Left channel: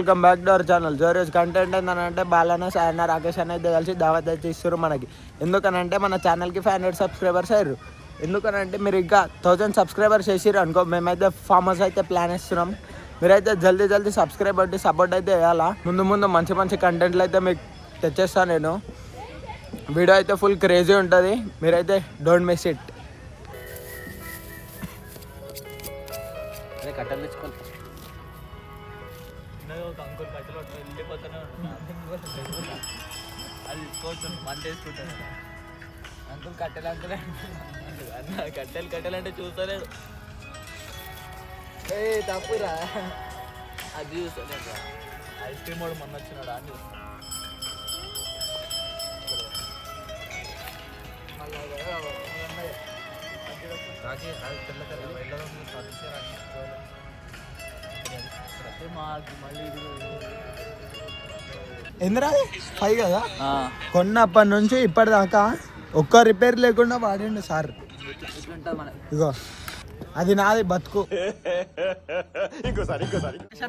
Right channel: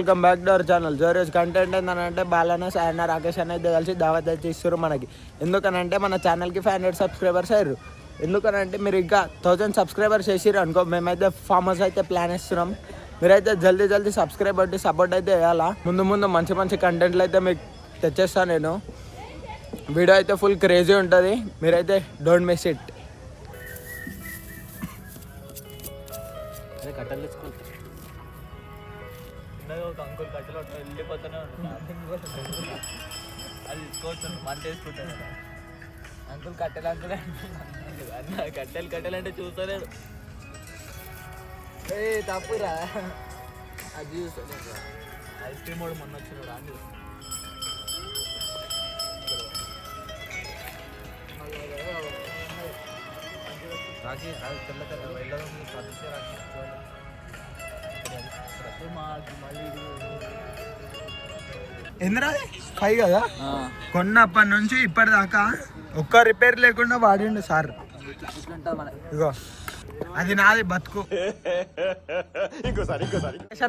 Welcome back to our channel. రోజు content ఏంటంటే బాలన్న సాయన్న రాకేష్ అన్న అయితే కలిసి దావత్ అయితే ఇస్తారు మనకి. ఎందుకనంటే మన ఛానల్కి 500 సబ్స్క్రైబర్స్ అయ్యారు. ఎందుకనంటే మీరు ఇంకా 1000 సబ్స్క్రైబర్స్ చేసిర్రు అనుకో, మేమైతే ఫామ్ హౌస్ అయితే ప్లాన్ ఇస్తున్నాం. మీరైతే జల్దీ సబ్స్క్రైబ్ అయితే సపోర్ట్ అయితే వేయాలా. ముందు మంచి కంటెంట్లు అయితే మీకు తెచ్చేస్తాను నేను. వీడియో అయితే ఫుల్ క్రేజీ ఉంటుంది, మీరైతే డోంట్ మిస్ ఇట్. అంకుల్ కట్టెలు వెళ్ళిపోతూనే అది తీసుకోవచ్చు మంట వేసుకుంటాను. అంకుల్ కట్టెలు అన్న కట్టెలు అంటే చూస్తలేడు. తప్పురా అది చూస్తలేదు. ఐస్ క్రీమ్ వాడు మొన్న వచ్చినాడు అని చూస్తాను. ఎందురా 5 కదా కొన్నప్పటి నుంచి ఇప్పటిదాకా ఒక్క రిపేర్ లేకుండా వాడిండు సార్. అది నాది బతుకు.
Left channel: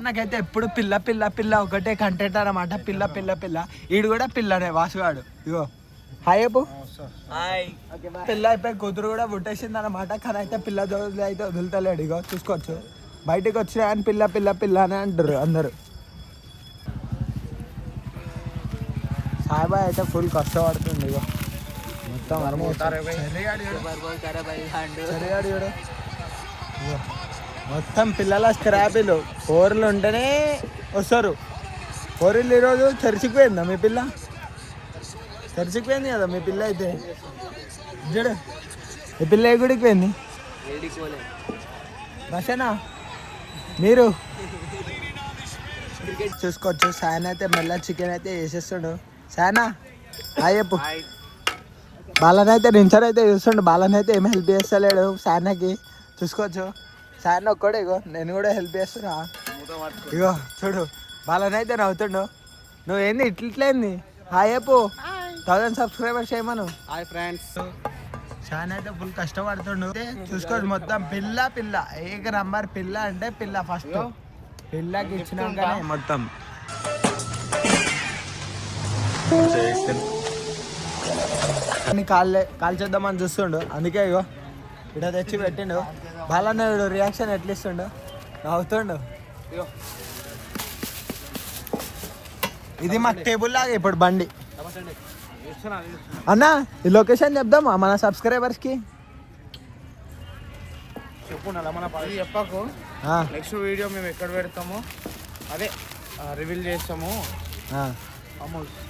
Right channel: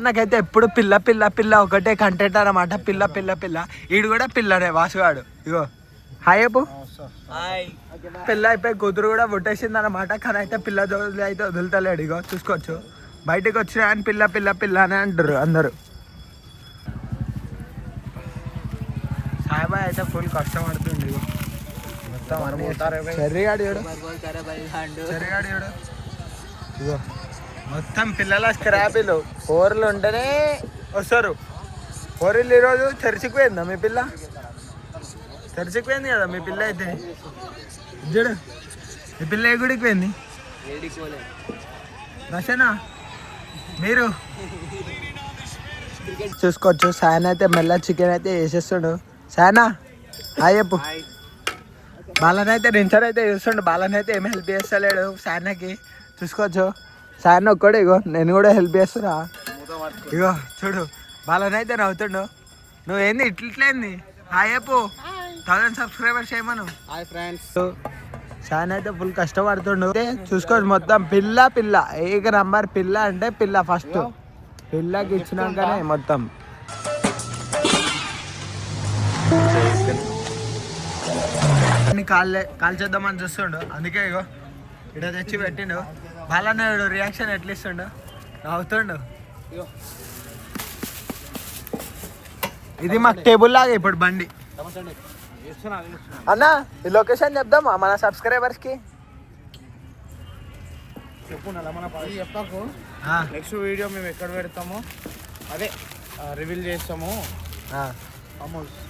నాకైతే ఎప్పుడు పిల్ల ఒకటే కంటెంట్ అన్నమాట. పిల్ల ఈడు కూడా పిల్లనే వాసుగాడు. ఇగో హాయ్ అప్పు. పిల్ల అయిపోయి కూతురు కూడా పుట్టేసింది అనమాట. కానీ అయితే పిల్ల జోలు అయితే వదులుతలేడు. ఇగో చూసుకోవచ్చు, బయటకు వచ్చినా అని పిల్ల అని అంటారు అందరు. సాయిబాయ్ అయితే ఫుల్ కష్టపడుతుంది. ఇగో ఇగో మొత్తం పిల్లల స్క్రాపీలు ఓర్లు ఉంటేనే వస్తారు. ఓరిల్లు ఈరోజు చర్చిపోయిందా మీ పిల్ల? చర్చిపోయింది కదా మీ పిల్ల. అయితే చూడు ఈ పిల్ల ఏ గుడికి పోయింది? రషనా మీరు చూసుకోవచ్చు. సాయన అయితే మెల్ల చికెన్ అయితే వేసేస్తాడు. సాయనా హాయ్ చెప్పు. బాలన్ అయితే రించర్ అయితే చూస్తుండు. బాలన్ అయితే ఏమి హెల్ప్ చేస్తలేడు సాయనకి. చూసుకోవచ్చు సాయన ఒక్కడే. ఇగో నేను కూడా హెల్ప్ చేస్తున్నా. ఇగో చూడు బాలన్ అయితే నవ్వుతుండు. నువ్వేంది ఇట్లయింది? హాయ్ చెప్పు. 1000 సబ్స్క్రైబర్స్ చేయమను. Hi friends. సాయన అయితే ఫుల్ కష్టపడుతుండు. చూసుకోవచ్చు మొత్తం పిల్ల ఏక నంబర్. పిల్ల అంటే పిల్ల ఫస్ట్. పిల్లకి ఇచ్చినాకనే మొత్తం. కాల్ చేద్దామని చూస్తుండు. అందుకే ఇగో ఇక్కడ తెచ్చి పెట్టిండు. బాలన్న రియాక్షన్ ఎట్లా ఇస్తుండు? నవ్వుతుండు. ఇది మాకు టేబుల్ లాగా ఇప్పుడు బండి. అన్న ఈ లొకేషన్ చెప్దామా మన సబ్స్క్రైబర్స్ కి? చెప్పు మన చెప్పకు. నెక్స్ట్ వీడియో మేము ఎక్కడ పెడతామో అదే రివీల్ చేస్తాము.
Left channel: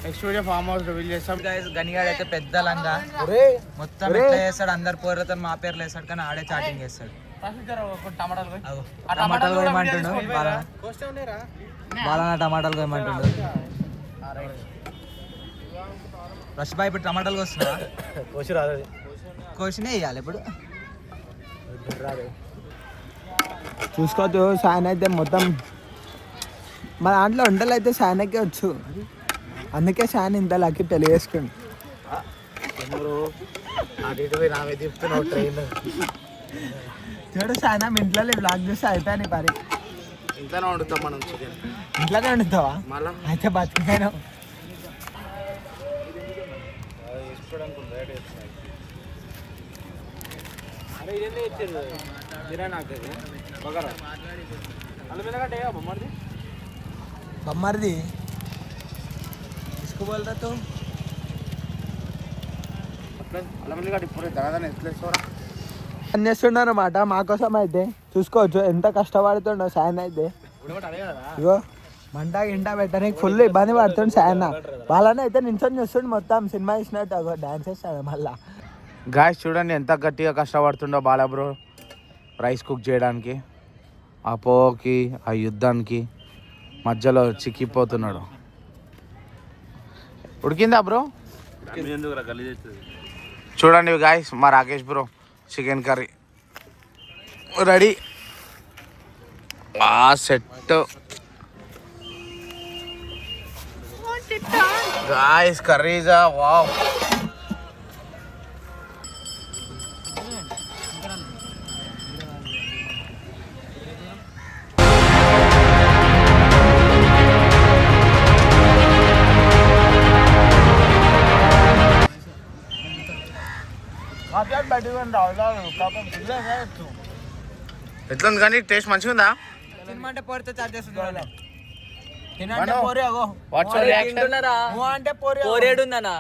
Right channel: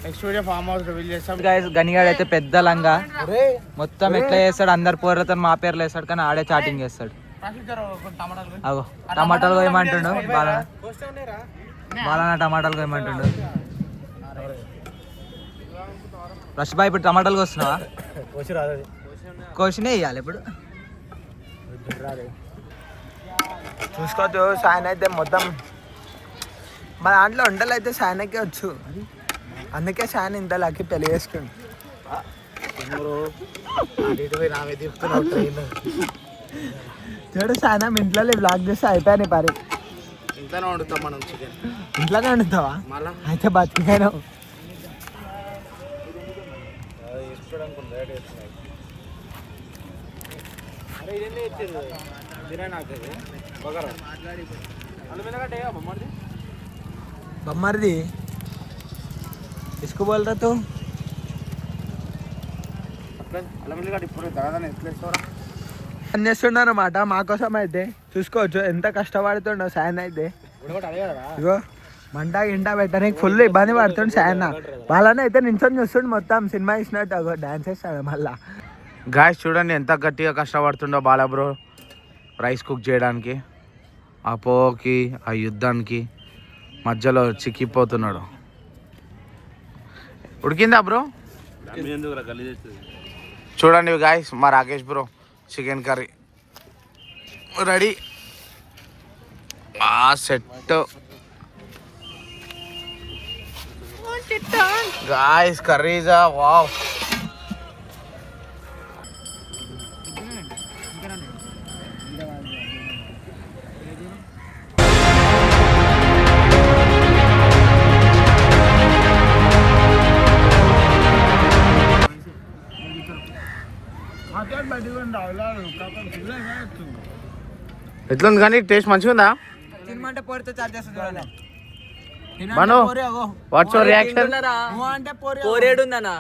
Next video farm house reveal చేస్తాం. గనిగాడు అయితే పెద్ద లంగా మొత్తం ఎట్లా చేస్తాడు, అందరు పోర్లతో మా పేర్లు వేస్తాడు, కానీ ఆడే చాటింగ్ చేస్తాడు. అగో టమాటాలు కోయమంటుండు బాలన్న టమాటాలు కోయమంటుండు. రష్ బాయ్ ఇప్పుడు టమాటాలు కోస్తున్నావా? కోసినే వేయాలి ఇప్పుడు. చూసుకోవచ్చు సాయన అయితే మొత్తం మన దాంట్లో వంటలు అయితే సాయనకే వచ్చు. అందుకే సాయన ఇంత లక్కి పెళ్లి చేసుకుంది. చూడు సాయన ఇంట్లో బ్లాక్ చేస్తే అయిపోయాను పరి. ఇంట్లోనే వండుతాం మనం చికెన్. ఇంట్లోనే వండుతావా? అయితే బతికాను. అరే ఇదన్నీ ఇచ్చారు బిర్యానీ. నాకు బగరా అల్లం ఎల్లగడ్డ బొమ్మరిది తీసుకోవాలరా తూ. అల్లం ఎల్లగడ్డ ఇప్పుడు దాదాపు ఎట్లేస్తావరా పని చేస్తుండ అనమాట మా కోసం. అయితే చూసుకోవచ్చు ఎంత కష్టపడుతుండో సాయన అయితే. ఇగో మంట గింట పెట్టడానికి ఫుల్ ఇబ్బంది పడుతుండు సాయన. వాళ్ళని అయితే నించొని చూస్తుండు మొత్తం సినిమా ఇచ్చినట్టు డాన్స్ చేస్తాడు మళ్ళా. గాయస్ చూడండి ఎంత గట్టిగా కష్టపడుతుండో బాలా బ్రో రైస్ కుక్ చేయడానికి. ఆ పోకి ఆ యుద్ధానికి మధ్యలో చిక్కిపోతున్నాడు. ఉడికిందా బ్రో? చూడండి గాయస్ మా Rakesh bro chicken curry ready. Set guys కర్రీజా వావ్. ఎట్లుంది కానీ టేస్ట్ మంచిగా ఉందా? తినమంటే పోరితో చార్జ్ చేస్తుంది. Manu what's your reaction? అంటే పోరి పోరేడుందనా